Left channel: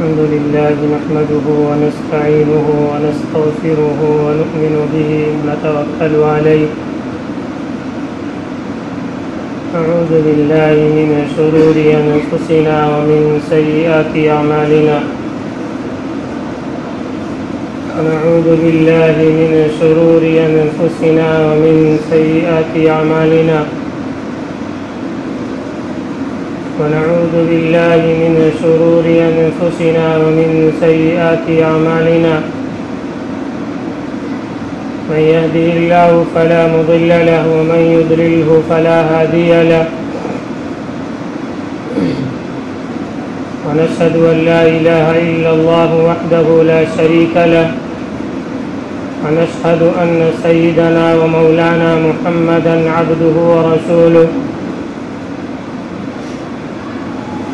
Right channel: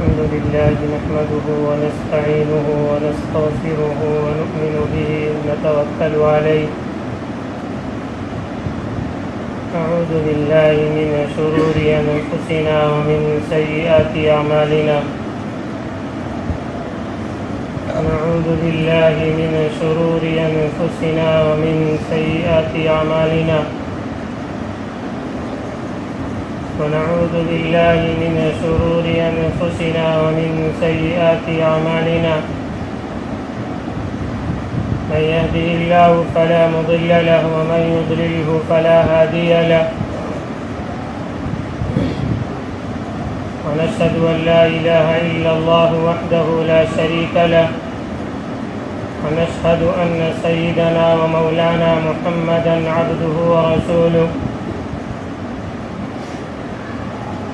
الحمد لله نحمده ونستعينه ونستغفره ونؤمن به ونتوكل عليه نعوذ بالله من شرور أنفسنا ومن سيئات أعمالنا نعوذ بالله من شرور أنفسنا ومن سيئات أعمالنا ونعوذ بالله من شرور أنفسنا ومن سيئات أعمالنا من يهده الله فلا مضل له ومن يضلله فلا هادي له ونشهد أن لا إله إلا الله وحده لا شريك له ونشهد أن سيدنا ومولانا محمدا عبده ورسوله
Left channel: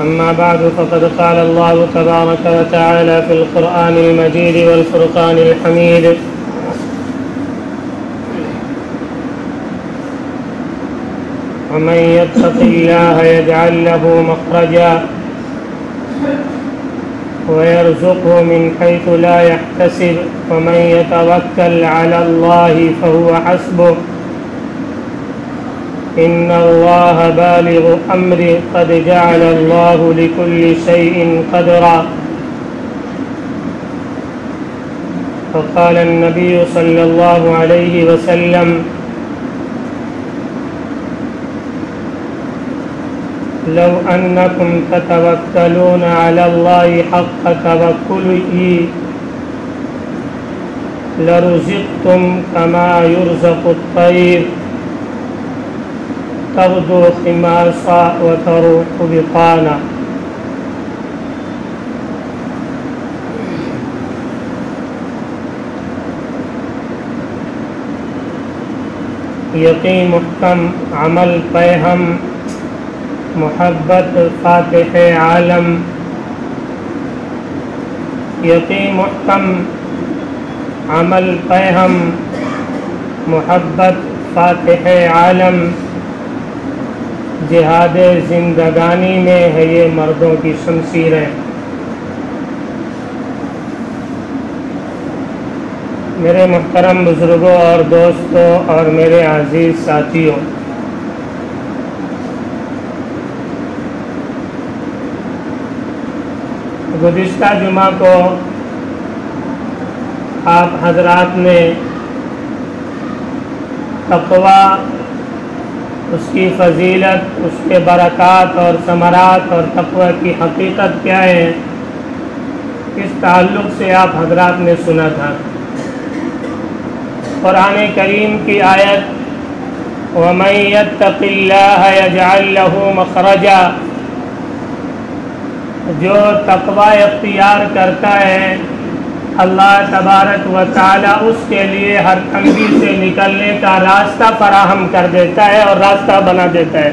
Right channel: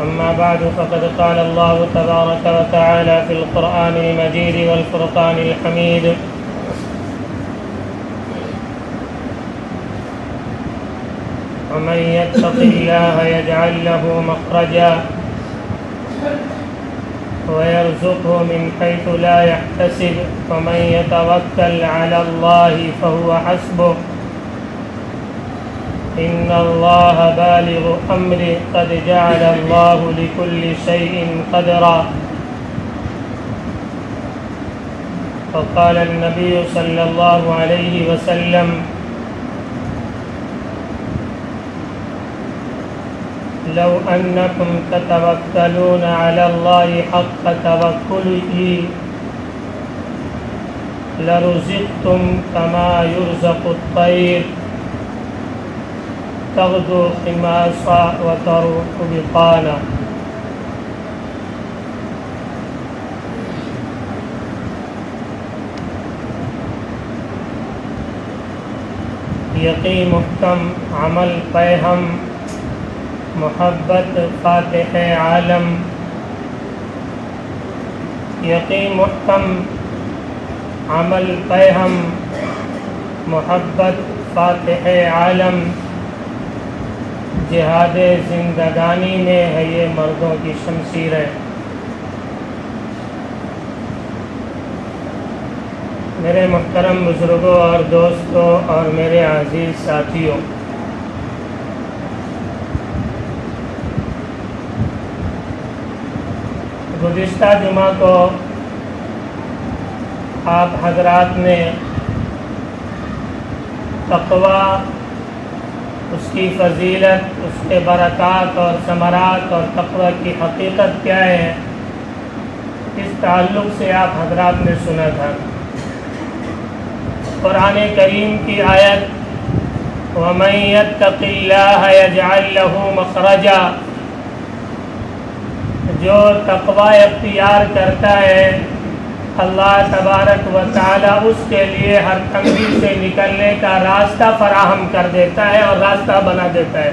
أما بعد فقد قال الله تبارك وتعالى في القرآن المجيد والفرقان الحميد ومن يتق الله يجعل له مخرجا ويرزقه من حيث لا يحتسب ومن يتوكل على الله فهو حسبه إن الله بالغ أمره قد جعل الله لكل شيء قدرا فقال النبي صلى الله عليه وسلم لو أنكم تتوكلون على الله حق توكله لرزقتم كما يرزق الطير تغدو خماصا وتروح بطانا یقین محکم عمل پہ ہم محبت فاتح عالم یقین محکم عمل پہ ہم محبت فاتح عالم جہاد زندگانی میں ہے یہ مردوں کی شمشیریں میرے محترم بزرگوں اور دوستوں اور میرے عزیز ساتھیوں، گزشتہ جمعہ کو آپ حضرات نے تقویٰ، اس کی فضیلت، اس کے برکات اور ثمرات اور تقویٰ کی حقیقت کیا ہے، اس تعلق سے آپ حضرات نے سنا تھا۔ قرآن کریم کی آیت وَمَن يَتَّقِ اللَّهَ يَجْعَل لَّهُ مَخْرَجًا، جو تقویٰ اختیار کرتا ہے اللہ تبارک و تعالی اس کے لیے ہر تنگی سے نکلنے کا راستہ فراہم کر دیتا ہے اور راستہ بنا دیتا ہے۔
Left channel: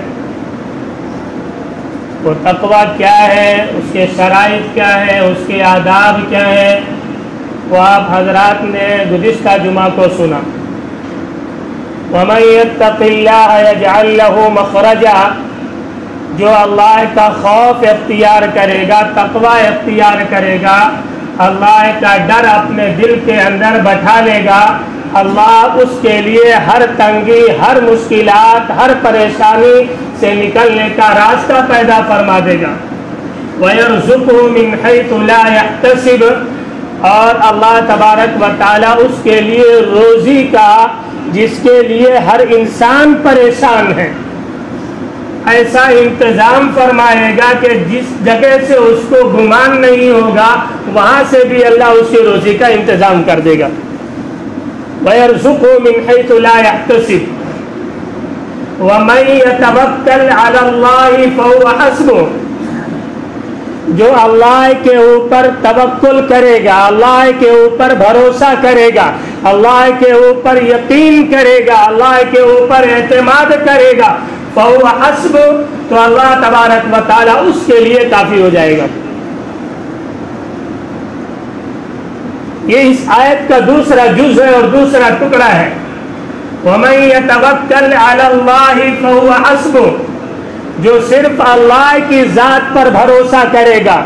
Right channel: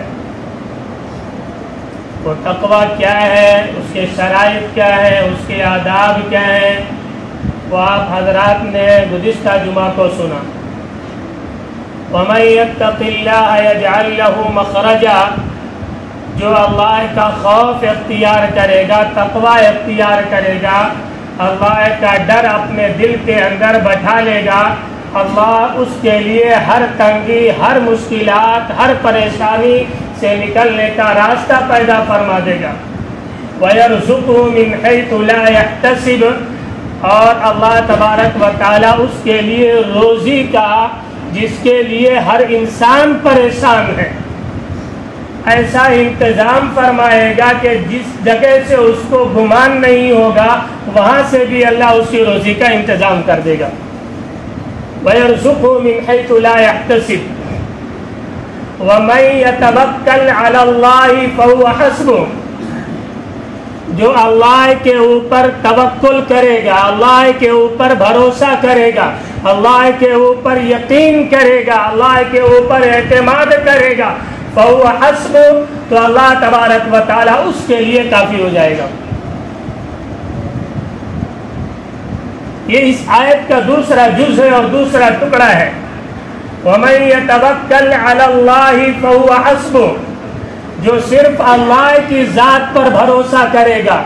وہ تقویٰ کیا ہے، اس کے شرائط کیا ہیں، اس کے آداب کیا ہیں، وہ آپ حضرات نے گزشتہ جمعہ کو سنا۔ وَمَن يَتَّقِ اللَّهَ يَجْعَل لَّهُ مَخْرَجًا، جو اللہ کا خوف اختیار کرے گا، تقویٰ اختیار کرے گا، اللہ کا ڈر اپنے دل کے اندر بٹھا لے گا، اللہ اس کے لیے ہر تنگی، ہر مشکلات، ہر پریشانی سے نکلنے کا راستہ پیدا فرما دے گا۔ وَيَرْزُقُهُ مِنْ حَيْثُ لَا يَحْتَسِبُ، اور اللہ تبارک و تعالی اس کے لیے روزی کا جس کے لیے ہر انسان پریشان ہے ایسا انتظام فرمائے گا کہ جس جگہ سے اس کو گمان نہیں ہوگا وہاں سے بھی اللہ اس کی روزی کا انتظام کر دے گا۔ وَيَرْزُقُهُ مِنْ حَيْثُ لَا يَحْتَسِبُ وَمَن يَتَوَكَّلْ عَلَى اللَّهِ فَهُوَ حَسْبُهُ، جو اللہ کے اوپر توکل کرے گا، اللہ کے اوپر بھروسہ کرے گا، اللہ کے اوپر یقین کرے گا، اللہ کے اوپر اعتماد کرے گا، فَهُوَ حَسْبُهُ، تو اللہ تبارک و تعالی اس کے لیے کافی ہو جائے گا۔ یہ اس آیت کا دوسرا جز ہے اور دوسرا ٹکڑا ہے۔ وَمَن يَتَوَكَّلْ عَلَى اللَّهِ فَهُوَ حَسْبُهُ، جو صرف اللہ کی ذات پر بھروسہ کرے گا،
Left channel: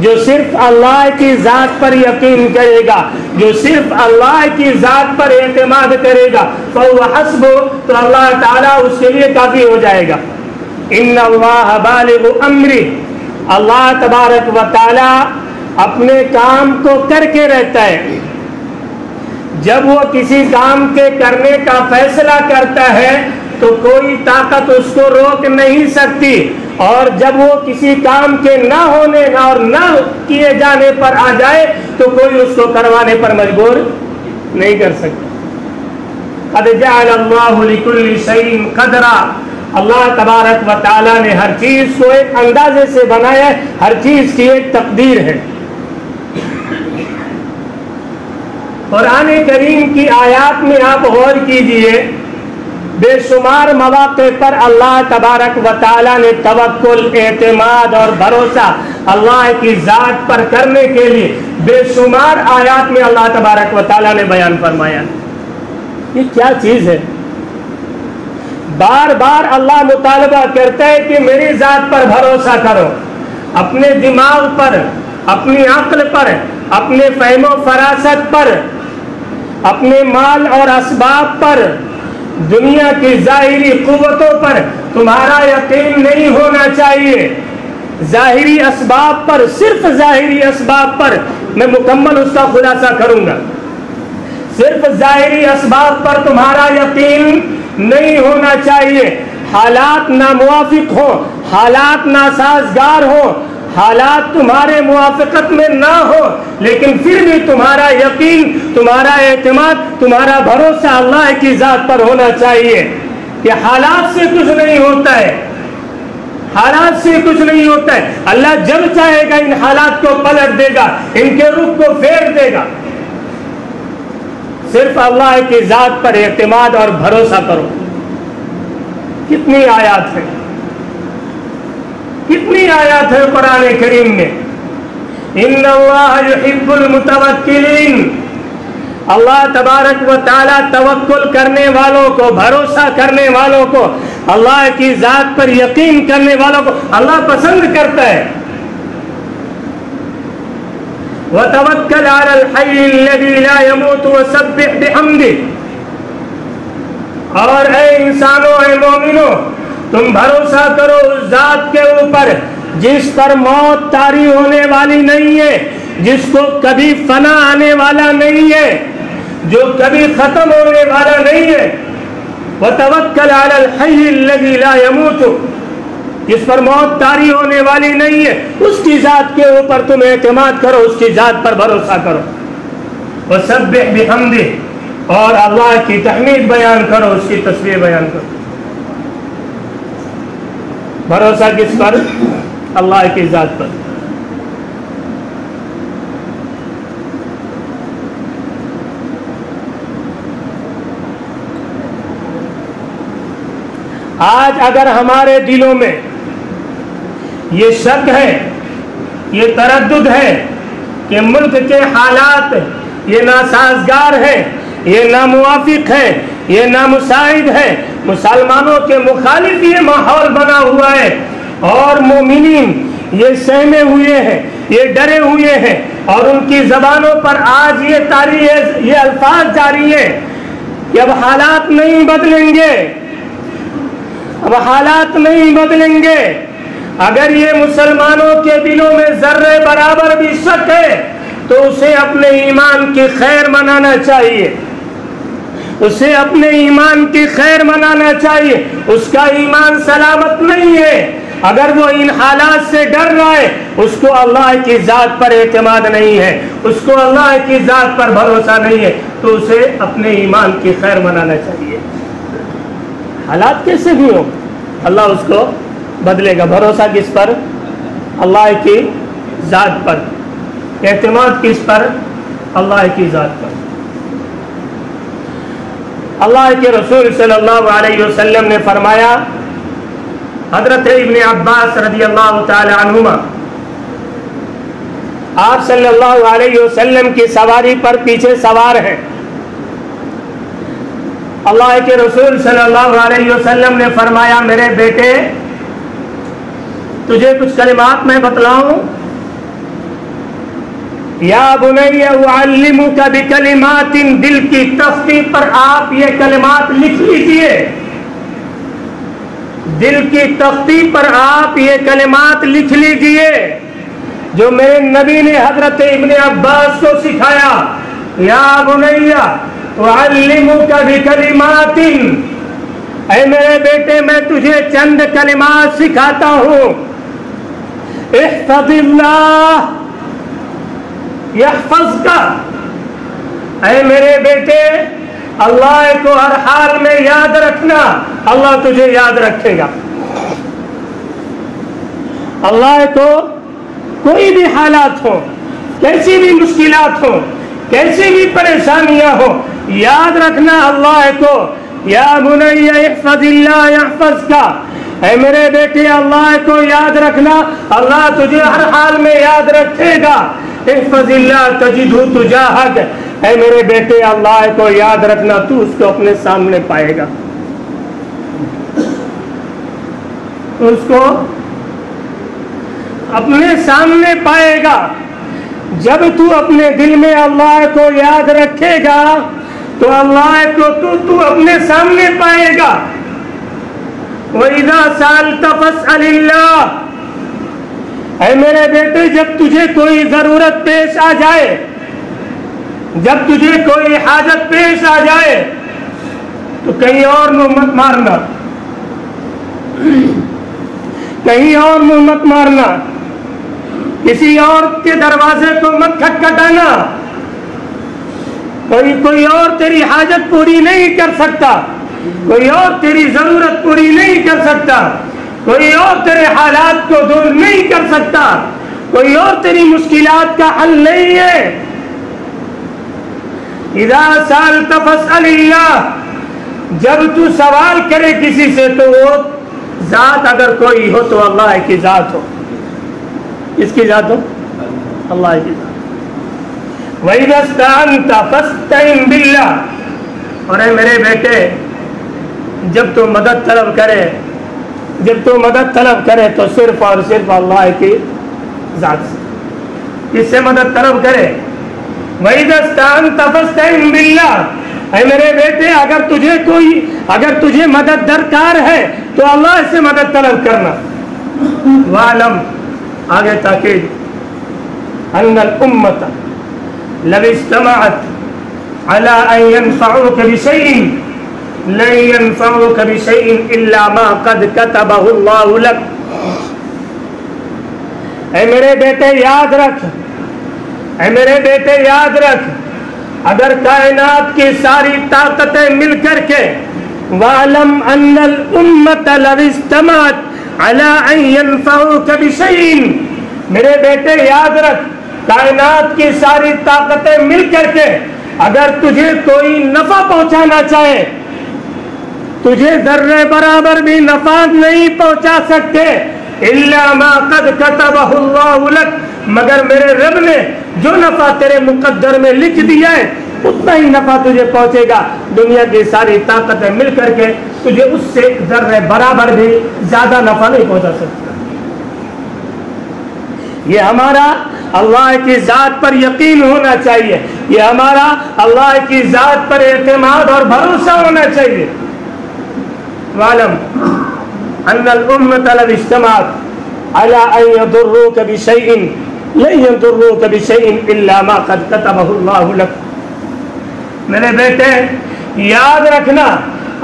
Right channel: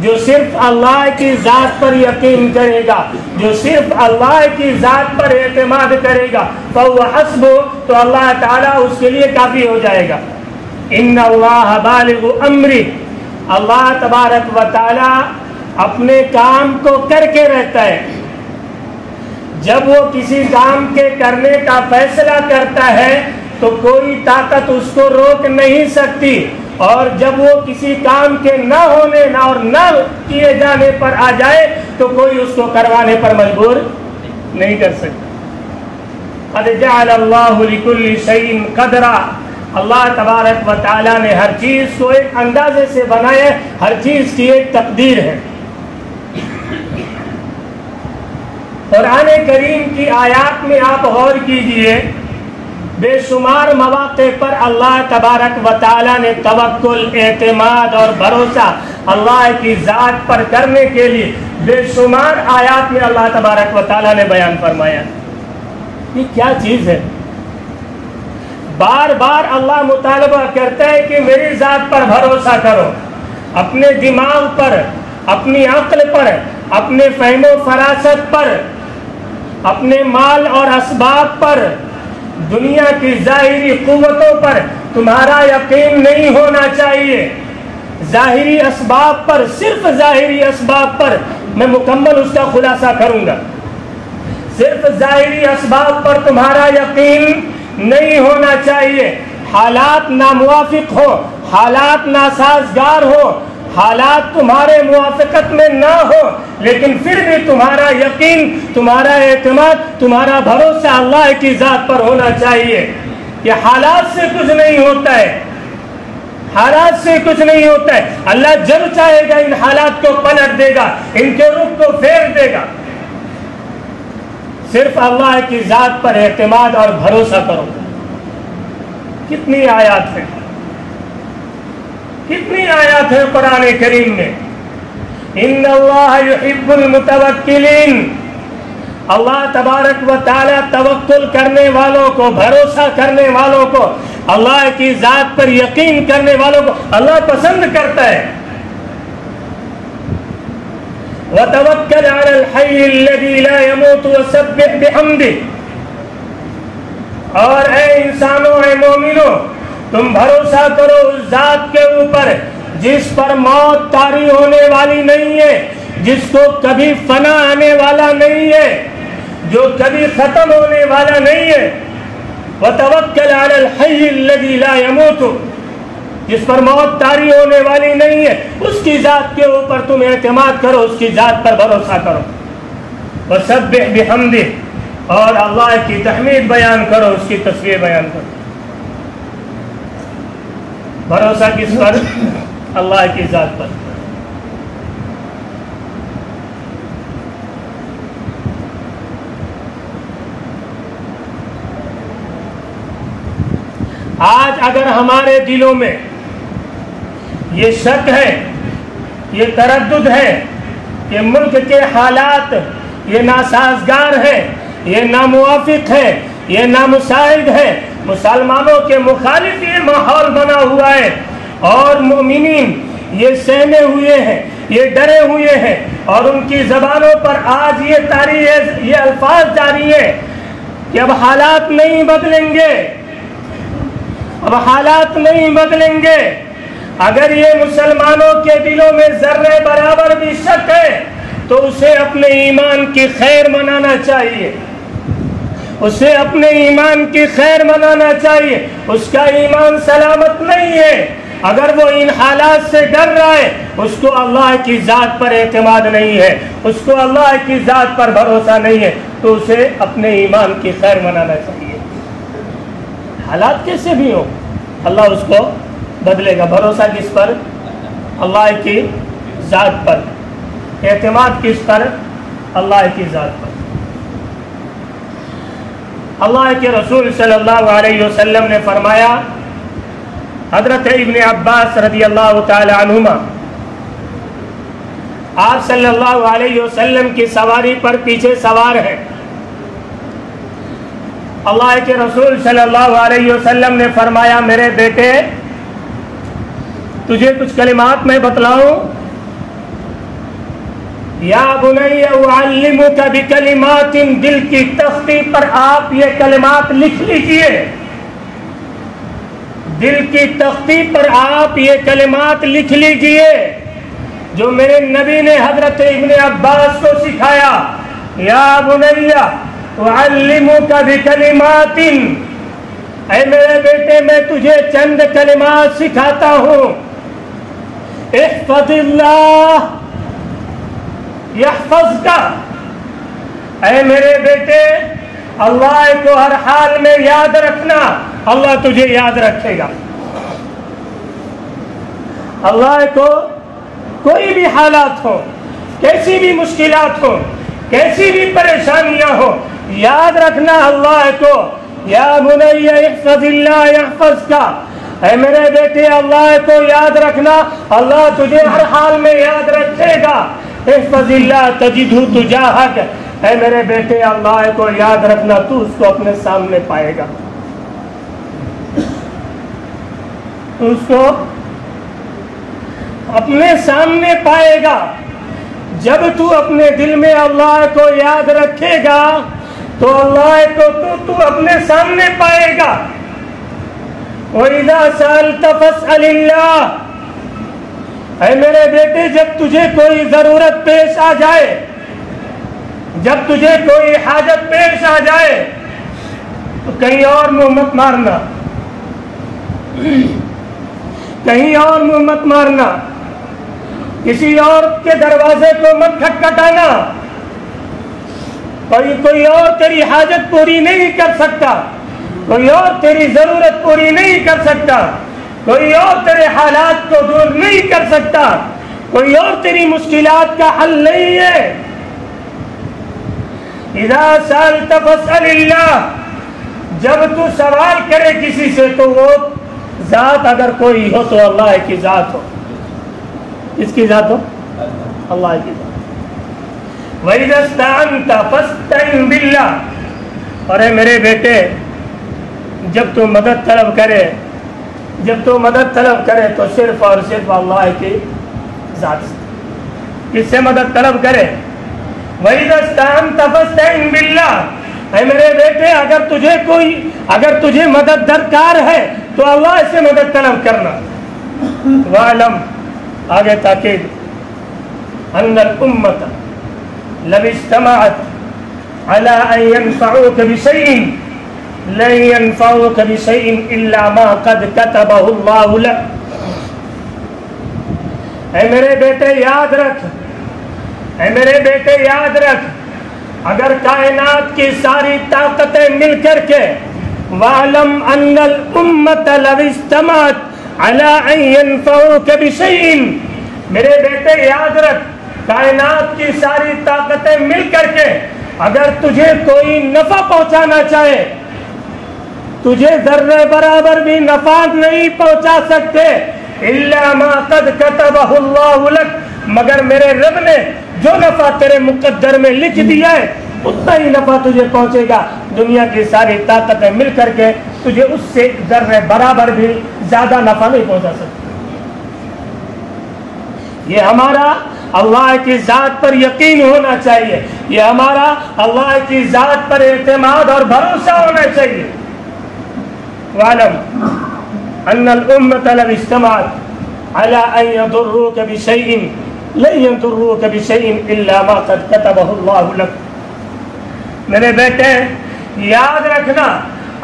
جو صرف اللہ کی ذات پر یقین کرے گا، جو صرف اللہ کی ذات پر اعتماد کرے گا، فَهُوَ حَسْبُهُ، تو اللہ تعالیٰ اس کے لیے کافی ہو جائے گا۔ ان اللہ بالغ امری، اللہ تبارک و تعالیٰ اپنے کام کو کر کے رہتا ہے۔ جب وہ کسی کام کے کرنے کا فیصلہ کرتا ہے تو کوئی طاقت اس کو روک نہیں سکتی، اور جب وہ کسی کام کے نہ ہونے اور نہ کیے جانے پر آ جائے تو کوئی اس کو کروانے پر مجبور نہیں کر سکتا۔ قد جعل اللہ لکل شیء قدرا، اللہ تبارک و تعالیٰ نے ہر چیز کو ایک اندازے سے بنایا ہے، ہر چیز کی ایک تقدیر ہے۔ قرآن کریم کی آیات میں آپ غور کیجئے، بے شمار مواقع پر اللہ تبارک و تعالیٰ نے توکل، اعتماد اور بھروسہ اللہ کی ذات پر کرنے کے لیے بے شمار آیات میں اللہ تبارک و تعالیٰ نے بیان فرمایا۔ یہ کیا چیز ہے؟ بار بار اللہ مطالبہ کرتا ہے کہ میری ذات پر بھروسہ کرو، اپنے دماغ پر، اپنی عقل پر، اپنے فہم و فراست پر، اپنے مال اور اسباب پر، دنیا کی ظاہری قوتوں پر تمہارا یقین نہیں ہونا چاہیے۔ ظاہری اسباب پر، صرف ظاہری اسباب پر میں مکمل اس کا خلاصہ کروں گا، صرف ظاہری اسباب پر تمہارا یقین نہیں ہونا چاہیے۔ حالات ناموافق ہو، حالات ناسازگار ہو، حالات تمہارے موافقت میں نہ ہو، لیکن پھر بھی تمہارا یقین، تمہارا اعتماد، تمہارا بھروسہ اللہ کی ذات پر ہونا چاہیے۔ یہ حالات سے کچھ نہیں ہوتا ہے، حالات سے کچھ نہیں ہوتا ہے۔ اللہ جب چاہے گا ان حالات کو پلٹ دے گا، ان کے رخ کو پھیر دے گا۔ صرف اللہ کی ذات پر اعتماد اور بھروسہ کرو۔ کتنی آیات ہیں، کتنی آیات ہیں قرآن کریم میں۔ ان اللہ یحب المتوکلین، اللہ تبارک و تعالیٰ توکل کرنے والوں کو، بھروسہ کرنے والوں کو، اللہ کی ذات پر یقین کرنے والوں کو اللہ پسند کرتا ہے۔ وَتَوَكَّلْ عَلَى الْحَيِّ الَّذِي لَا يَمُوتُ وَسَبِّحْ بِحَمْدِهِ، اور اے انسانوں، اے مومنوں، تم بھروسہ کرو اس ذات کے اوپر جس پر موت طاری ہونے والی نہیں ہے، جس کو کبھی فنا آنے والا نہیں ہے، جو کبھی ختم ہونے والا نہیں ہے۔ وَتَوَكَّلْ عَلَى الْحَيِّ الَّذِي لَا يَمُوتُ، جس پر موت طاری ہونے والی نہیں ہے، اس کی ذات کے اوپر تم اعتماد کرو، اس کی ذات پر بھروسہ کرو۔ وَسَبِّحْ بِحَمْدِهِ، اور اللہ کی تحمید بیان کرو، اس کی تسبیح بیان کرو۔ بھروسہ کس پر؟ اللہ کی ذات پر۔ آج اگر ہمارے دلوں میں یہ شک ہے، یہ تردد ہے کہ ملک کے حالات یہ ناسازگار ہے، یہ ناموافق ہے، یہ نامساعد ہے، مسلمانوں کے مخالف یہ ماحول بنا ہوا ہے، اور مومنین یہ سہمے ہوئے ہیں، یہ ڈرے ہوئے ہیں، اور ان کی زبانوں پر آج یہ الفاظ جاری ہیں کہ اب حالات نہیں بدلیں گے، اب حالات نہیں بدلیں گے۔ اگر یہ مسلمانوں کے دلوں میں ذرے برابر بھی شک ہے تو اسے اپنے ایمان کی خیر منانا چاہیے، اسے اپنے ایمان کی خیر منانا چاہیے۔ اس کا ایمان سلامت نہیں ہے اگر وہ ان حالات سے ڈر رہا ہے، اس کو اللہ کی ذات پر اعتماد نہیں ہے، اس کو اللہ کی ذات پر بھروسہ نہیں ہے، تو اسے اپنے ایمان کی خیر منانا چاہیے۔ حالات کیسے بھی ہو، اللہ اس کو بدلے گا۔ بھروسہ کس پر؟ اللہ کی ذات پر۔ اعتماد کس پر؟ اللہ کی ذات پر۔ اللہ کے رسول صلی اللہ علیہ وسلم نے فرمایا، حضرت ابن عباس رضی اللہ تعالی عنہما آپ صلی اللہ علیہ وسلم کی سواری پر پیچھے سوار ہیں، اللہ کے رسول صلی اللہ علیہ وسلم نے فرمایا، میرے بیٹے تجھے کچھ کلمات میں بتلاؤں؟ یا بنی اعلمک بکلمات، دل کی تختی پر آپ یہ کلمات لکھ لیجئے، دل کی تختی پر آپ یہ کلمات لکھ لیجئے جو میرے نبی نے حضرت ابن عباس کو سکھایا. یا بنی اعلمک بکلمات، اے میرے بیٹے میں تجھے چند کلمات سکھاتا ہوں. احفظ اللہ یحفظک، اے میرے بیٹے اللہ کو ہر حال میں یاد رکھنا، اللہ تجھے یاد رکھے گا. اللہ کو کوئی بھی حالات ہو، کیسی بھی مشکلات ہو، کیسی بھی پریشانیاں ہو، یاد رکھنا اللہ کو. یا بنی احفظ اللہ یحفظک، اے میرے بیٹے اللہ کو یاد رکھنا، اللہ تجھے ہر حال میں یاد رکھے گا. احفظ اللہ تجدہ تجاہک، اے میرے بیٹے اللہ کو یاد رکھنا، تو اس کو اپنے سامنے پائے گا، اس کو اپنے سامنے پائے گا. جب تو اپنے دل میں اللہ کو یاد رکھے گا تو اللہ کو تو اپنے سامنے پائے گا. وَإِذَا سَأَلْتَ فَاسْأَلِ اللَّهِ، اے میرے بیٹے جب تجھے کوئی ضرورت پیش آ جائے، جب تجھے کوئی حاجت پیش آ جائے تو کہیں اور منہ مت مارنا، کہیں اور منہ مت مارنا، کسی اور کے دروازے کو مت کھٹکھٹانا. کوئی اور تیری حاجت پوری نہیں کر سکتا، کوئی اور تیری ضرورت پوری نہیں کر سکتا، کوئی اور تیرے حالات کو دور نہیں کر سکتا، کوئی اور تیری مشکلات کا حل نہیں ہے. اذا سألت فاسأل اللہ، جب تو سوال کرے کسی سے تو وہ ذات اگر کوئی ہو تو اللہ کی ذات ہو. کس کی ذات ہو؟ اللہ کی ذات. وَإِذَا اسْتَعَنْتَ فَاسْتَعِنْ بِاللَّهِ، اور اے میرے بیٹے جب تو مدد طلب کرے، جب تو مدد طلب کرے تو صرف اور صرف اللہ کی ذات سے. کس سے مدد طلب کرے؟ وَإِذَا اسْتَعَنْتَ فَاسْتَعِنْ بِاللَّهِ، اے میرے بیٹے اگر تجھے مدد درکار ہے تو اللہ سے مدد طلب کرنا. وَعْلَمْ، آگے تاکید، أَنَّ الْأُمَّةَ لَوِ اجْتَمَعَتْ عَلَىٰ أَن يَنفَعُوكَ بِشَيْءٍ لَن يَنفَعُوكَ بِشَيْءٍ إِلَّا مَا قَدْ كَتَبَهُ اللَّهُ لَكَ. اے میرے بیٹے یاد رکھ، اے میرے بیٹے یاد رکھ، اگر کائنات کی ساری طاقتیں مل کر کے وَعْلَمْ أَنَّ الْأُمَّةَ لَوِ اجْتَمَعَتْ عَلَىٰ أَن يَنفَعُوكَ بِشَيْءٍ، میرے بیٹے یاد رکھ، کائنات کی ساری طاقتیں مل کر کے اگر تجھے کوئی نفع پہنچانا چاہے، تجھے ذرے برابر بھی نفع نہیں پہنچا سکتے. إِلَّا مَا قَدْ كَتَبَهُ اللَّهُ لَكَ، مگر میرے رب نے جو نفع تیرے مقدر میں لکھ دیا ہے اتنا ہی نفع تجھے پہنچے گا. دنیا کی ساری طاقتیں مل کر کے تجھے اس سے ذرے برابر بھی زیادہ نفع نہیں پہنچا سکتے. یہ ہمارا اللہ کی ذات پر یقین ہونا چاہیے، یہ ہمارا اللہ کی ذات پر اعتماد اور بھروسہ ہونا چاہیے. وَعْلَمْ أَنَّ الْأُمَّةَ لَوِ اجْتَمَعَتْ عَلَىٰ أَن يَضُرُّوكَ بِشَيْءٍ لَن يَضُرُّوكَ بِشَيْءٍ إِلَّا مَا قَدْ كَتَبَهُ اللَّهُ لَكَ. میرے بیٹے یاد رکھنا،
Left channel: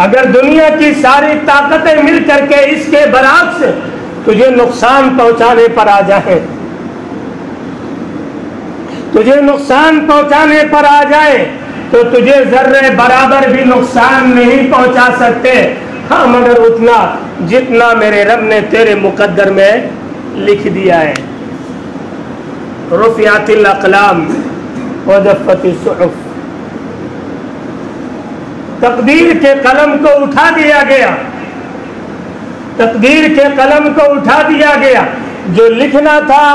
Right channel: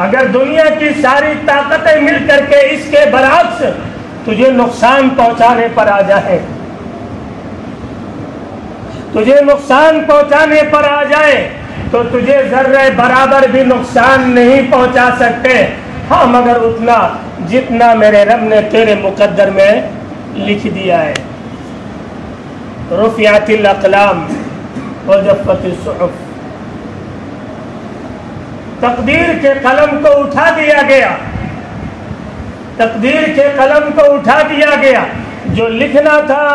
اگر دنیا کی ساری طاقتیں مل کر کے اس کے برعکس تجھے نقصان پہنچانے پر آ جائے، تجھے نقصان پہنچانے پر آ جائے تو تجھے ذرے برابر بھی نقصان نہیں پہنچا سکتے. ہاں مگر اتنا جتنا میرے رب نے تیرے مقدر میں لکھ دیا ہے. رفعت الاقلام وجفت الصحف، تقدیر کے قلم کو اٹھا دیا گیا، تقدیر کے قلم کو اٹھا دیا گیا. جو لکھنا تھا،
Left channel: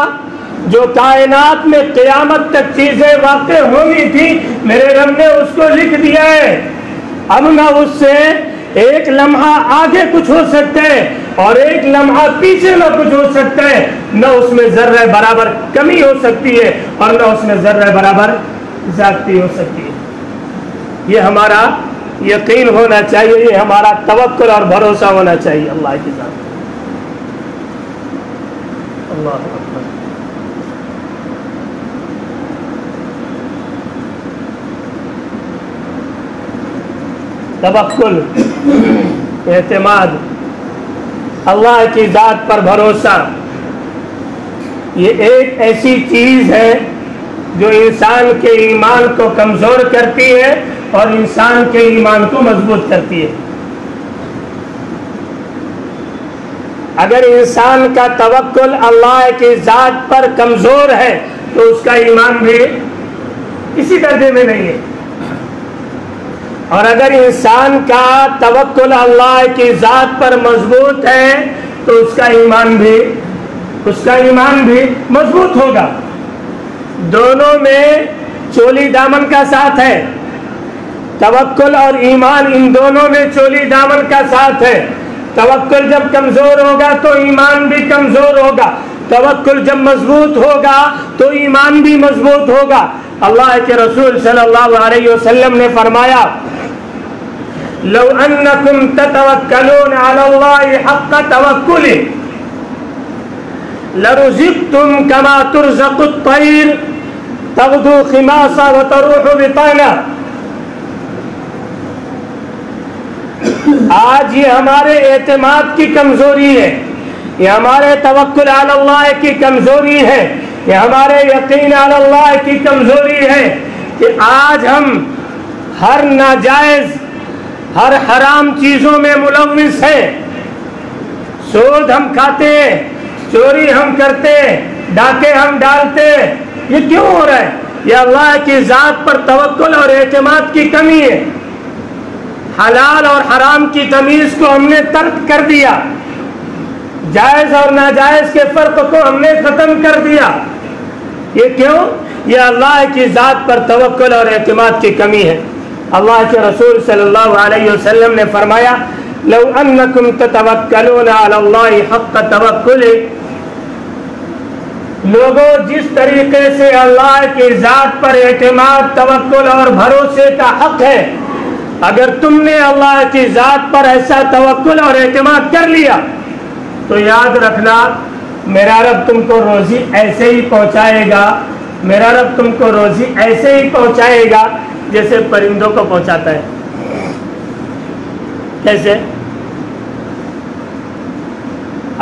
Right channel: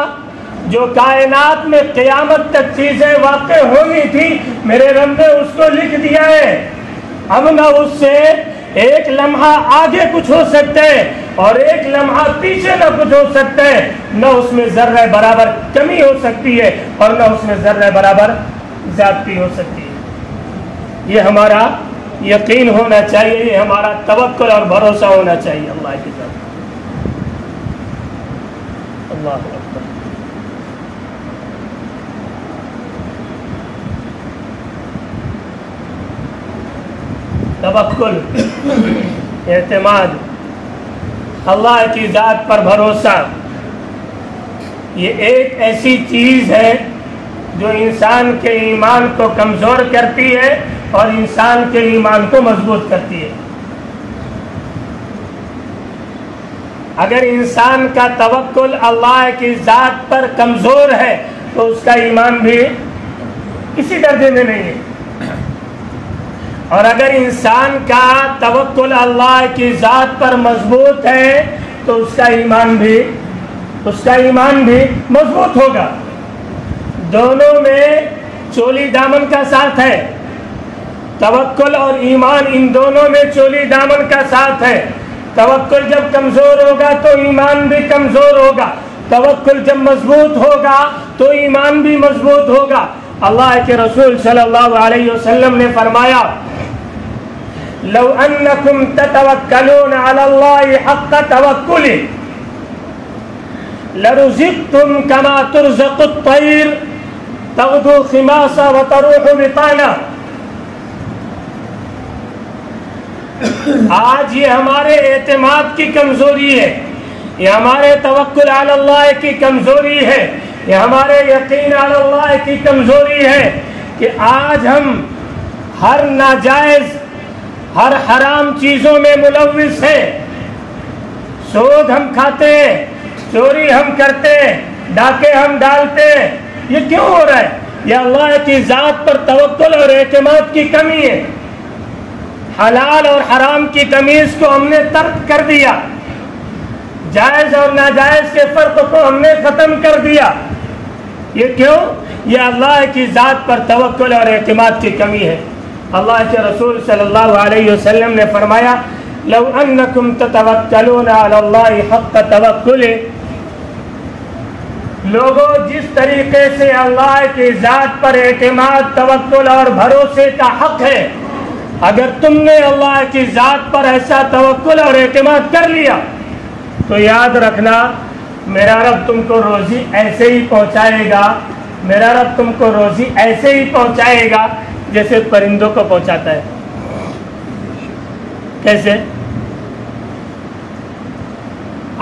جو کائنات میں قیامت تک چیزیں واقع ہونی تھی، میرے رب نے اس کو لکھ دیا ہے. اب نہ اس سے ایک لمحہ آگے کچھ ہو سکتا ہے اور ایک لمحہ پیچھے نہ کچھ ہو سکتا ہے، نہ اس میں ذرہ برابر کمی ہو سکتی ہے اور نہ اس میں ذرہ برابر زیادتی ہو سکتی ہے۔ یہ ہمارا یقین ہونا چاہیے، یہ ہمارا توکل اور بھروسہ ہونا چاہیے اللہ کی ذات۔ اللہ توکل، اعتماد، اللہ کی ذات پر بھروسہ، یہ ایک ایسی چیز ہے جو انسان کے ایمان کو کمزور کرتی ہے اور انسان کے ایمان کو مضبوط کرتی ہے۔ اگر انسان کا توکل اللہ کی ذات پر کمزور ہے تو اس کا ایمان بھی کسی درجے میں نہیں ہے، اور اگر انسان کا توکل اللہ کی ذات پر مضبوط ہے تو اس کا ایمان بھی مضبوط ہوگا۔ دونوں میں چولی دامن کا ساتھ ہے، توکل اور ایمان ان دونوں میں چولی دامن کا ساتھ ہے۔ توکل جب کمزور ہوگا تو ایمان بھی کمزور ہوگا، توکل جب مضبوط ہوگا تو ایمان بھی مضبوط ہوگا۔ اللہ کے رسول صلی اللہ علیہ وسلم نے فرمایا لو انکم تتوکلون علی اللہ حق توکلہ لرزقتم کما ترزق الطیر تغدو خماصا وتروح بطانا۔ آج یہ ہمارے اعتماد کی کمزوری ہے، یہ ہمارے توکل علی اللہ کی کمزوری ہے، یہ ہمارے یقین علی اللہ کی کمزوری ہے کہ آج ہم ہر ناجائز، ہر حرام چیزوں میں ملوث ہیں۔ سود ہم کھاتے ہیں، چوری ہم کرتے ہیں، ڈاکے ہم ڈالتے ہیں۔ یہ کیوں ہو رہا ہے؟ یہ اللہ کی ذات پر توکل اور اعتماد کی کمی ہے۔ حلال اور حرام کی تمیز کو ہم نے ترک کر دیا، جائز اور ناجائز کے فرق کو ہم نے ختم کر دیا۔ یہ کیوں؟ یہ اللہ کی ذات پر توکل اور اعتماد کی کمی ہے۔ اللہ کے رسول صلی اللہ علیہ وسلم نے فرمایا لو انکم تتوکلون علی اللہ حق توکلہ، لوگوں جس طریقے سے اللہ کی ذات پر اعتماد، توکل اور بھروسے کا حق ہے، اگر تم نے اللہ کی ذات پر ایسا توکل اور اعتماد کر لیا تو یاد رکھنا میرا رب تم کو روزی ایسے ہی پہنچائے گا، میرا رب تم کو روزی ایسے ہی پہنچائے گا جیسے پرندوں کو پہنچاتا ہے۔ کیسے؟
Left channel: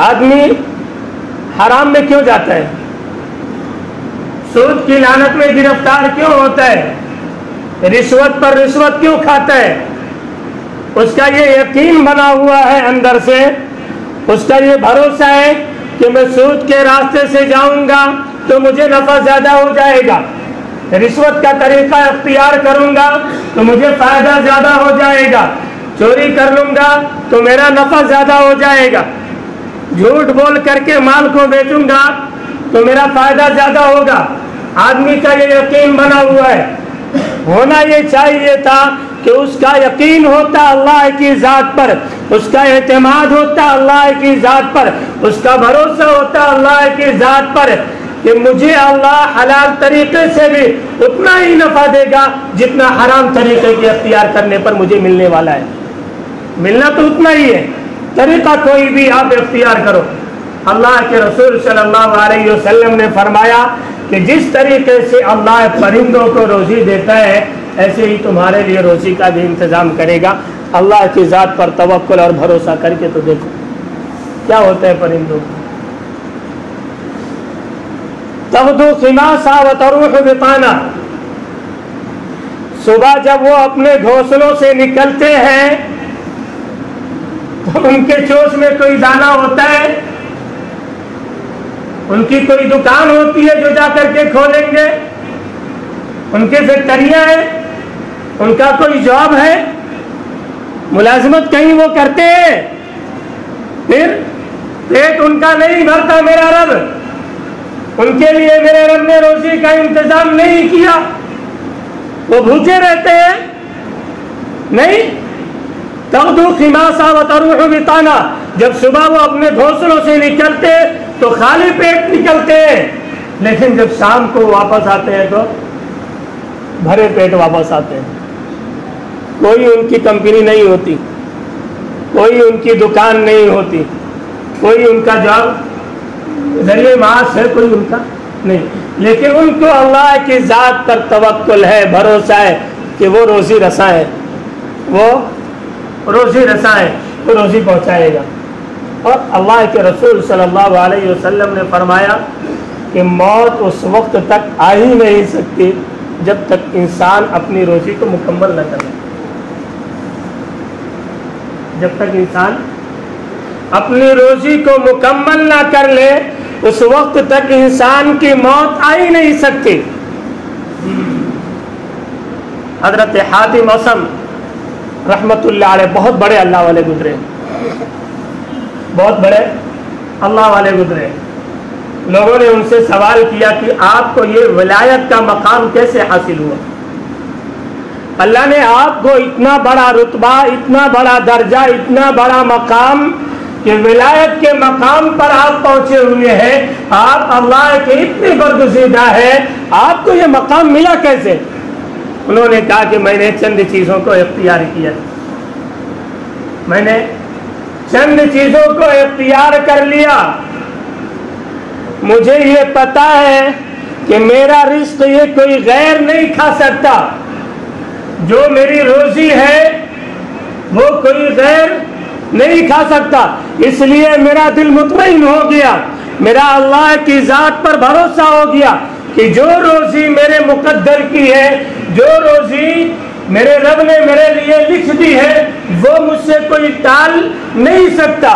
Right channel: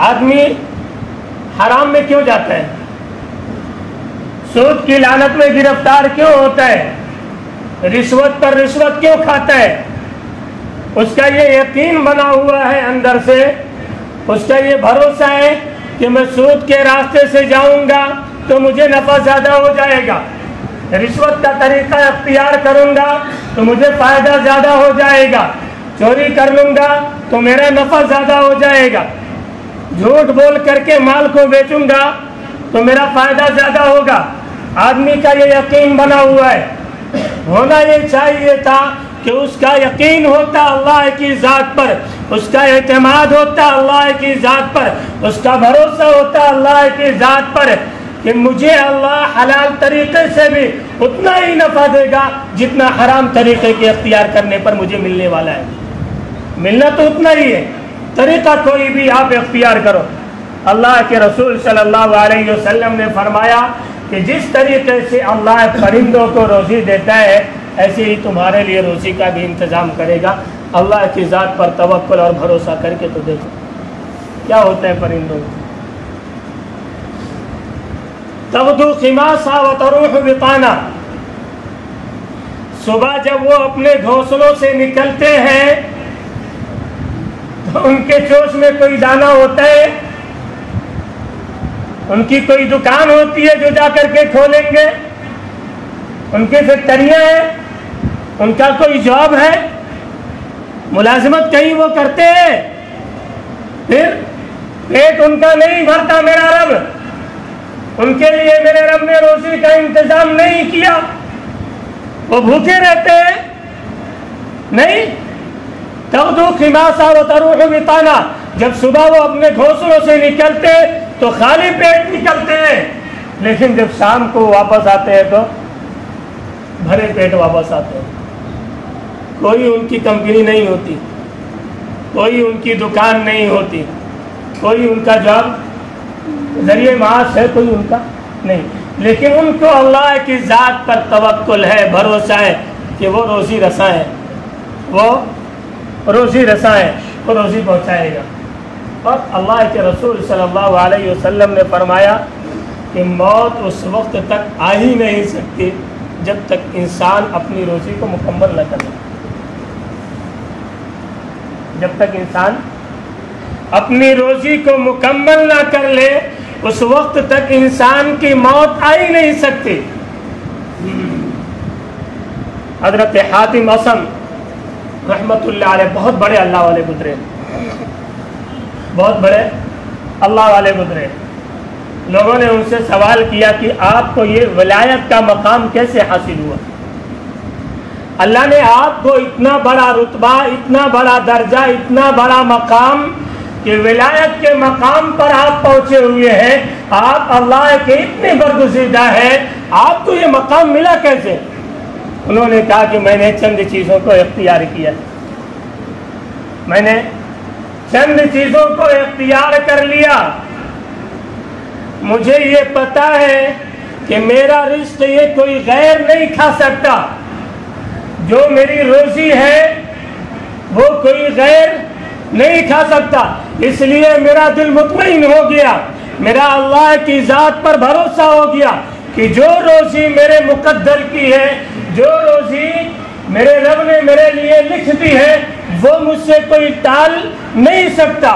آدمی حرام میں کیوں جاتا ہے؟ سود کی لعنت میں گرفتار کیوں ہوتا ہے؟ رشوت پر رشوت کیوں کھاتا ہے؟ اس کا یہ یقین بنا ہوا ہے اندر سے، اس کا یہ بھروسہ ہے کہ میں سود کے راستے سے جاؤں گا تو مجھے نفع زیادہ ہو جائے گا، رشوت کا طریقہ اختیار کروں گا تو مجھے فائدہ زیادہ ہو جائے گا، چوری کر لوں گا تو میرا نفع زیادہ ہو جائے گا، جھوٹ بول کر کے مال کو بیچوں گا تو میرا فائدہ زیادہ ہوگا۔ آدمی کا یہ یقین بنا ہوا ہے۔ ہونا یہ چاہیے تھا کہ اس کا یقین ہوتا اللہ کی ذات پر، اس کا اعتماد ہوتا اللہ کی ذات پر، اس کا بھروسہ ہوتا اللہ کی ذات پر کہ مجھے اللہ حلال طریقے سے بھی اتنا ہی نفع دے گا جتنا حرام طریقے کے اختیار کرنے پر مجھے ملنے والا ہے۔ ملنا تو اتنا ہی ہے، طریقہ کوئی بھی آپ اختیار کرو۔ اللہ کے رسول صلی اللہ علیہ وسلم نے فرمایا کہ جس طریقے سے اللہ پرندوں کو روزی دیتا ہے ایسے ہی تمہارے لیے روزی کا بھی انتظام کرے گا۔ اللہ کی ذات پر توکل اور بھروسہ کر کے تو دیکھو کیا ہوتا ہے پرندوں کو۔ تغدو خماسا وتروح بطانا، صبح جب وہ اپنے گھونسلوں سے نکلتے ہیں تو ان کے چوش میں کوئی دانہ ہوتا ہے، ان کی کوئی دکان ہوتی ہے جو جا کر کے کھولیں گے، ان کی فیکٹریاں ہیں، ان کا کوئی جاب ہے، ملازمت کہیں وہ کرتے ہیں، پھر پیٹ ان کا نہیں بھرتا میرا رب، ان کے لیے میرے رب نے روزی کا انتظام نہیں کیا، وہ بھوکے رہتے ہیں نہیں۔ تغدو خماسا وتروح بطانا، جب صبح وہ اپنے گھونسلوں سے نکلتے تو خالی پیٹ نکلتے ہیں، لیکن جب شام کو واپس آتے ہیں تو بھرے پیٹ واپس آتے ہیں۔ کوئی ان کی کمپنی نہیں ہوتی، کوئی ان کی دکان نہیں ہوتی، کوئی ان کا جاب ذریعہ معاش ہے کوئی ان کا نہیں، لیکن ان کو اللہ کی ذات پر توکل ہے، بھروسہ ہے کہ وہ روزی رساں ہے، وہ روزی رساں ہے، وہ روزی پہنچائے گا۔ اور اللہ کے رسول صلی اللہ علیہ وسلم نے فرمایا کہ موت اس وقت تک آ ہی نہیں سکتی جب تک انسان اپنی روزی کو مکمل نہ کر لے، جب تک انسان اپنی روزی کو مکمل نہ کر لے اس وقت تک انسان کی موت آ ہی نہیں سکتی۔ حضرت حاتم اصم رحمت اللہ علیہ بہت بڑے اللہ والے گزرے، بہت بڑے اللہ والے گزرے۔ لوگوں نے ان سے سوال کیا کہ آپ کو یہ ولایت کا مقام کیسے حاصل ہوا؟ اللہ نے آپ کو اتنا بڑا رتبہ، اتنا بڑا درجہ، اتنا بڑا مقام کہ ولایت کے مقام پر آپ پہنچے ہوئے ہیں، آپ اللہ کے اتنے برگزیدہ ہیں، آپ کو یہ مقام ملا کیسے؟ انہوں نے کہا کہ میں نے چند چیزوں کو اختیار کیا، میں نے چند چیزوں کو اختیار کر لیا۔ مجھے یہ پتا ہے کہ میرا رزق یہ کوئی غیر نہیں کھا سکتا، جو میری روزی ہے وہ کوئی غیر نہیں کھا سکتا، اس لیے میرا دل مطمئن ہو گیا، میرا اللہ کی ذات پر بھروسہ ہو گیا کہ جو روزی میرے مقدر کی ہے، جو روزی میرے رب نے میرے لیے لکھ دی ہے وہ مجھ سے کوئی ٹال نہیں سکتا،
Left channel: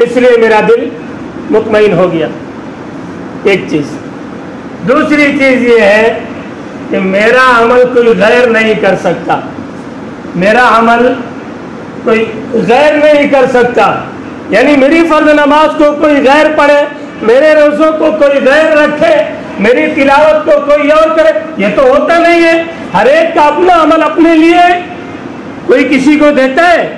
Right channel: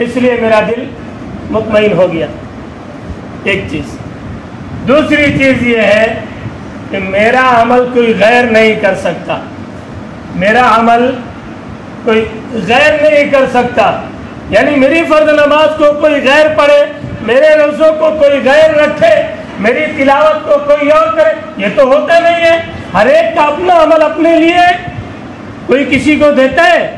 اس لیے میرا دل مطمئن ہو گیا۔ ایک چیز۔ دوسری چیز یہ ہے کہ میرا عمل کوئی غیر نہیں کر سکتا، میرا عمل کوئی غیر نہیں کر سکتا، یعنی میری فرض نماز کو کوئی غیر پڑھے، میرے روزوں کو کوئی غیر رکھے، میری تلاوت کو کوئی اور کرے، یہ تو ہوتا نہیں ہے۔ ہر ایک کا اپنا عمل اپنے لیے، کوئی کسی کو دیتا ہے۔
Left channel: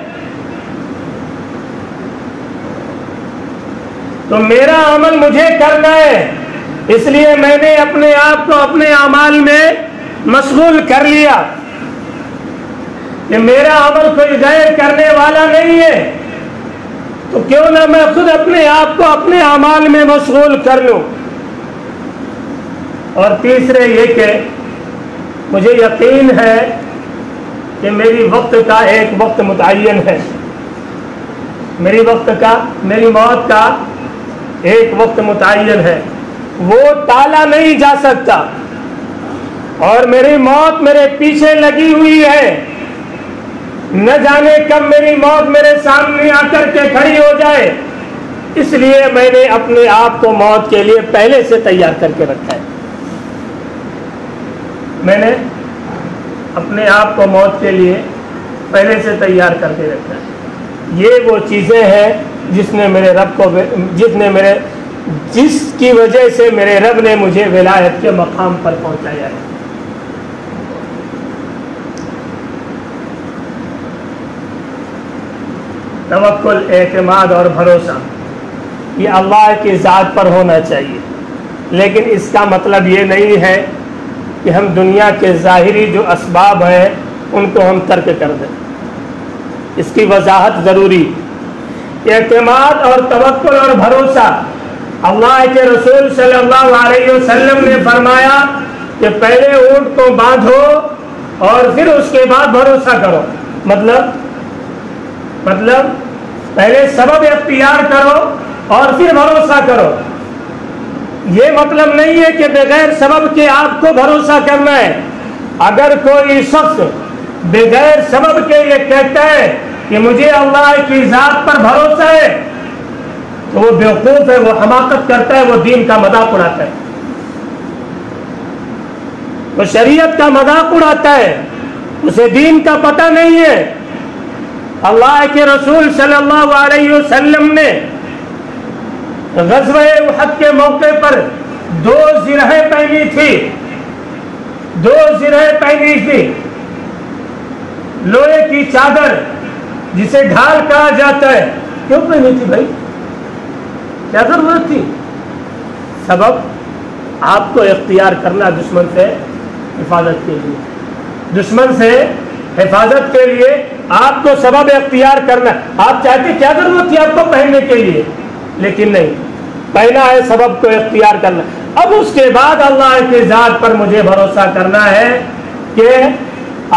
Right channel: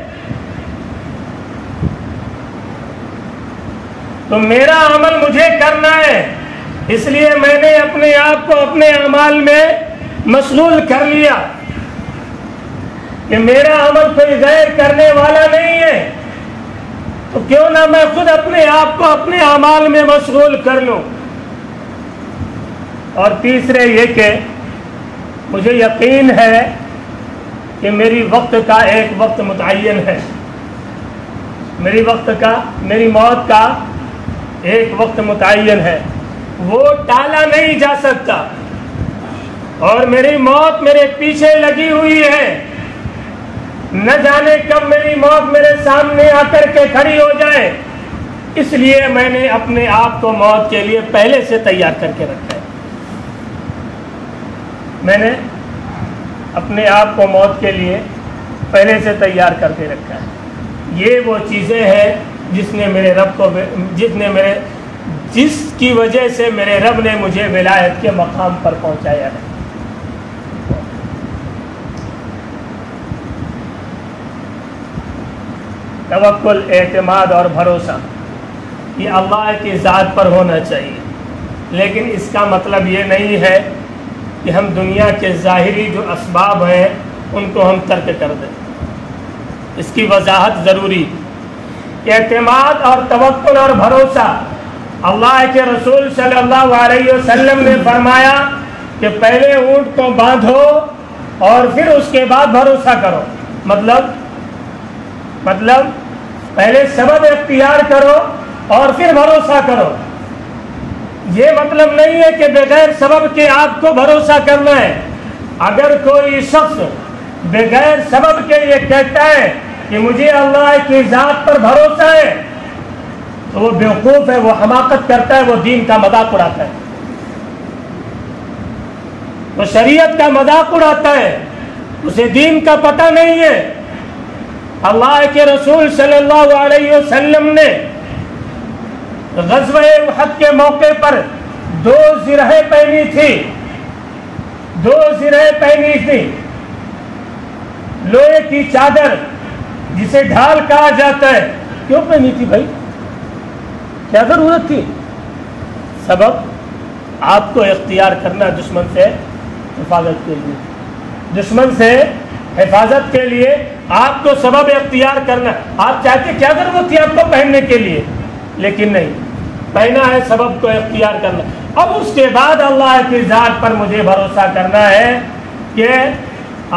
تو میرا عمل مجھے کرنا ہے، اس لیے میں نے اپنے آپ کو اپنے اعمال میں مشغول کر لیا کہ میرا عمل کوئی غیر کرنے والا نہیں ہے، تو کیوں نہ میں خود اپنے آپ کو اپنے اعمال میں مشغول کر لوں۔ اور تیسرے یہ کہ مجھے یقین ہے کہ میری وقت کا ایک وقت متعین ہے، میری موت کا ایک وقت متعین ہے، وہ ٹالا نہیں جا سکتا، اور میری موت میرے پیچھے لگی ہوئی ہے، نہ جانے کب میری موت میرے سامنے آ کر کے کھڑی ہو جائے، اس لیے میں نے اپنے آپ کو موت کے لیے پہلے سے تیار کر کے رکھا ہے، میں نے اپنے آپ کو موت کے لیے پہلے سے تیار کر کے رکھا ہے۔ یہ وہ چیزیں ہیں جس کی وجہ سے میرے رب نے مجھے ولایت کے مقام پر پہنچایا ہے۔ توکل، اعتماد اور بھروسہ یہ اللہ کی ذات پر ہونا چاہیے، لیکن اس کا مطلب یہ نہیں ہے کہ ہم دنیا کے ظاہری جو اسباب ہیں ان کو ہم ترک کر دیں، اس کی وضاحت ضروری۔ اعتماد اور توکل اور بھروسہ، اللہ کے رسول صلی اللہ علیہ وسلم نے فرمایا کہ پہلے اونٹ کو باندھو اور پھر اس کے بعد بھروسہ کرو، مطلب پہلے سبب اختیار کرو اور پھر بھروسہ کرو۔ یہ مطلب نہیں ہے کہ بغیر سبب کے آپ کو بھروسہ کرنا ہے۔ اگر کوئی شخص بغیر سبب کے یہ کہتا ہے کہ مجھے اللہ کی ذات پر بھروسہ ہے تو وہ بیوقوف ہے، وہ حماقت کرتا ہے، وہ دین کا مذاق اڑاتا ہے، وہ شریعت کا مذاق اڑاتا ہے، اسے دین کا پتہ نہیں ہے۔ اللہ کے رسول صلی اللہ علیہ وسلم نے غزوہ احد کے موقع پر 2 زرہیں پہنی تھی، لوہے کی چادر جسے ڈھال کہا جاتا ہے، کیوں پہنی تھی بھائی؟ کیا ضرورت تھی؟ سبب آپ کو اختیار کرنا دشمن سے حفاظت کے لیے، دشمن سے حفاظت کے لیے آپ کو سبب اختیار کرنا. آپ چاہتے کیا ضرورت تھی آپ کو پہننے کے لیے، لیکن نہیں پہنا ہے، سبب کو اختیار کرنا. اب اس کے بعد اللہ کی ذات پر مجھے بھروسہ کرنا ہے کہ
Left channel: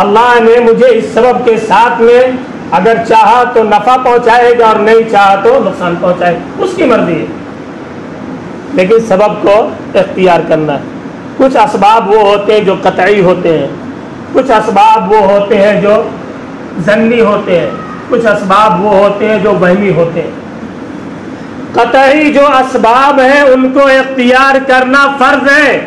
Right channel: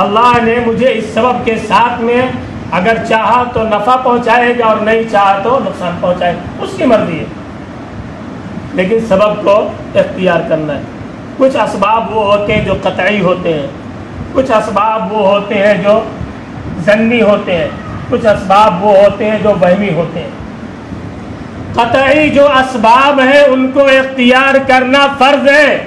اللہ نے مجھے اس سبب کے ساتھ میں اگر چاہا تو نفع پہنچائے گا اور نہیں چاہا تو نقصان پہنچائے گا، اس کی مرضی ہے. لیکن سبب کو اختیار کرنا ہے. کچھ اسباب وہ ہوتے ہیں جو قطعی ہوتے ہیں، کچھ اسباب وہ ہوتے ہیں جو ظنی ہوتے ہیں، کچھ اسباب وہ ہوتے ہیں جو وہمی ہوتے ہیں. قطعی جو اسباب ہیں ان کو اختیار کرنا فرض ہے.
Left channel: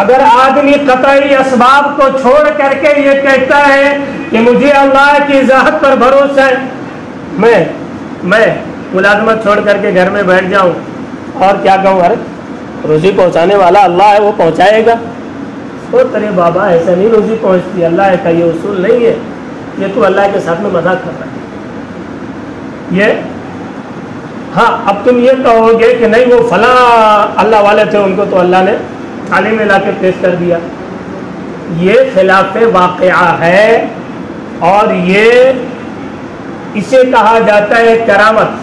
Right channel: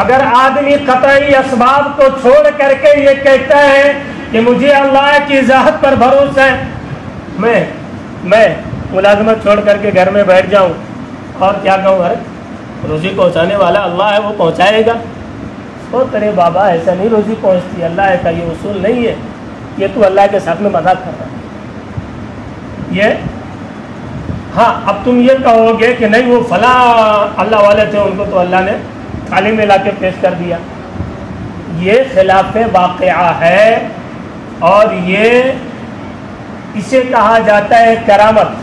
اگر آدمی قطعی اسباب کو چھوڑ کر کے یہ کہتا ہے کہ مجھے اللہ کی ذات پر بھروسہ ہے، میں ملازمت چھوڑ کر کے گھر میں بیٹھ جاؤں اور کیا کہوں، ارے روزی پہنچانے والا اللہ ہے، وہ پہنچائے گا. اور ارے بابا ایسا نہیں روزی پہنچتی، اللہ کا یہ اصول نہیں ہے، یہ تو اللہ کے ساتھ میں مذاق کر رہا ہے. یہ ہاں اب تم یہ کہو گے کہ نہیں وہ فلاں اللہ والے تھے، ان کو تو اللہ نے عالم لا کے پیش کر دیا. یہ خلاف واقعہ ہے اور یہ اسے کہا جاتا ہے کرامت.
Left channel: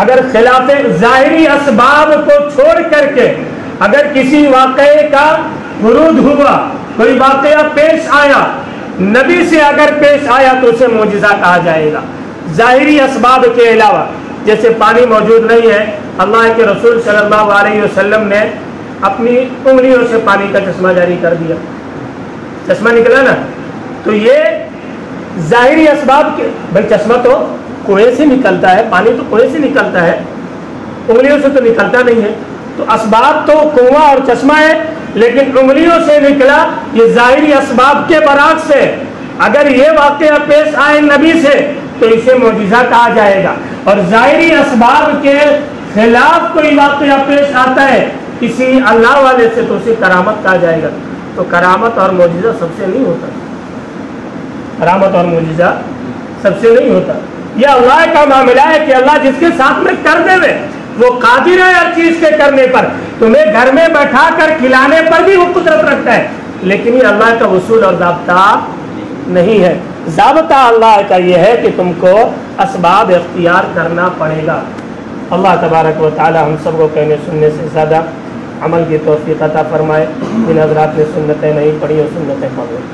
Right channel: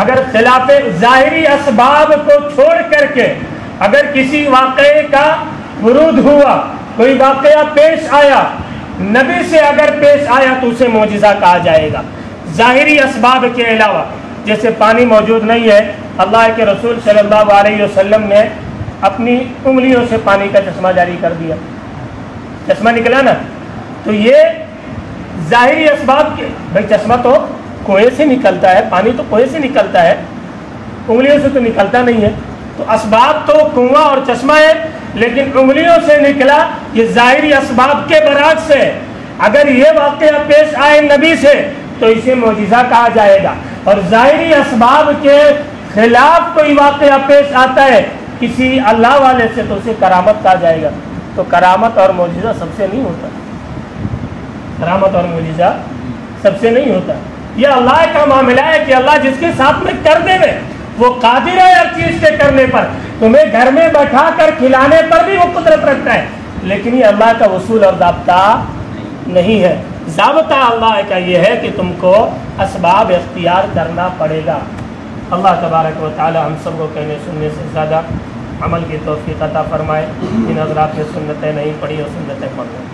اگر خلاف ظاہری اسباب کو چھوڑ کر کے اگر کسی واقعے کا ورود ہوا، کوئی واقعہ پیش آیا، نبی سے اگر پیش آیا تو اسے معجزہ کہا جائے گا. ظاہری اسباب کے علاوہ جیسے پانی موجود نہیں ہے، اللہ کے رسول صلی اللہ علیہ وسلم نے اپنی انگلیوں سے پانی کا چشمہ جاری کر دیا، چشمہ نکلا نا. تو یہ ظاہری اسباب کے، بھائی چشمہ تو کنویں سے نکلتا ہے، پانی تو کنویں سے نکلتا ہے، انگلیوں سے تو نکلتا نہیں ہے. تو اسباب تو کنواں اور چشمہ ہے، لیکن انگلیوں سے نکلا، یہ ظاہری اسباب کے برعکس ہے. اگر یہ واقعہ پیش آئے نبی سے تو اسے معجزہ کہا جائے گا. اور ظاہری اسباب کے خلاف کوئی واقعہ پیش آتا ہے کسی اللہ والے سے تو اسے کرامت کہا جائے گا. تو کرامت اور معجزہ سب سے نہیں ہوتا، کرامت اور معجزہ سب سے نہیں ہوتا. یہ اللہ کا معاملہ ہے کہ اللہ جس کے ساتھ میں کرنے میں وہ قادر ہے ہر چیز کے کرنے پر. تمہیں گھر میں بیٹھا کر کھلانے پر بھی وہ قدرت رکھتا ہے، لیکن یہ اللہ کا اصول اور ضابطہ نہیں ہے. ضابطہ اللہ کا یہ ہے کہ تم کو اسباب اختیار کرنا پڑے گا. اللہ تبارک و تعالی ہم سب کو کہنے سننے سے زیادہ عمل کی توفیق عطا فرمائے. جن حضرات نے سنتیں نہیں پڑھی اور سنتیں پڑھ لیں.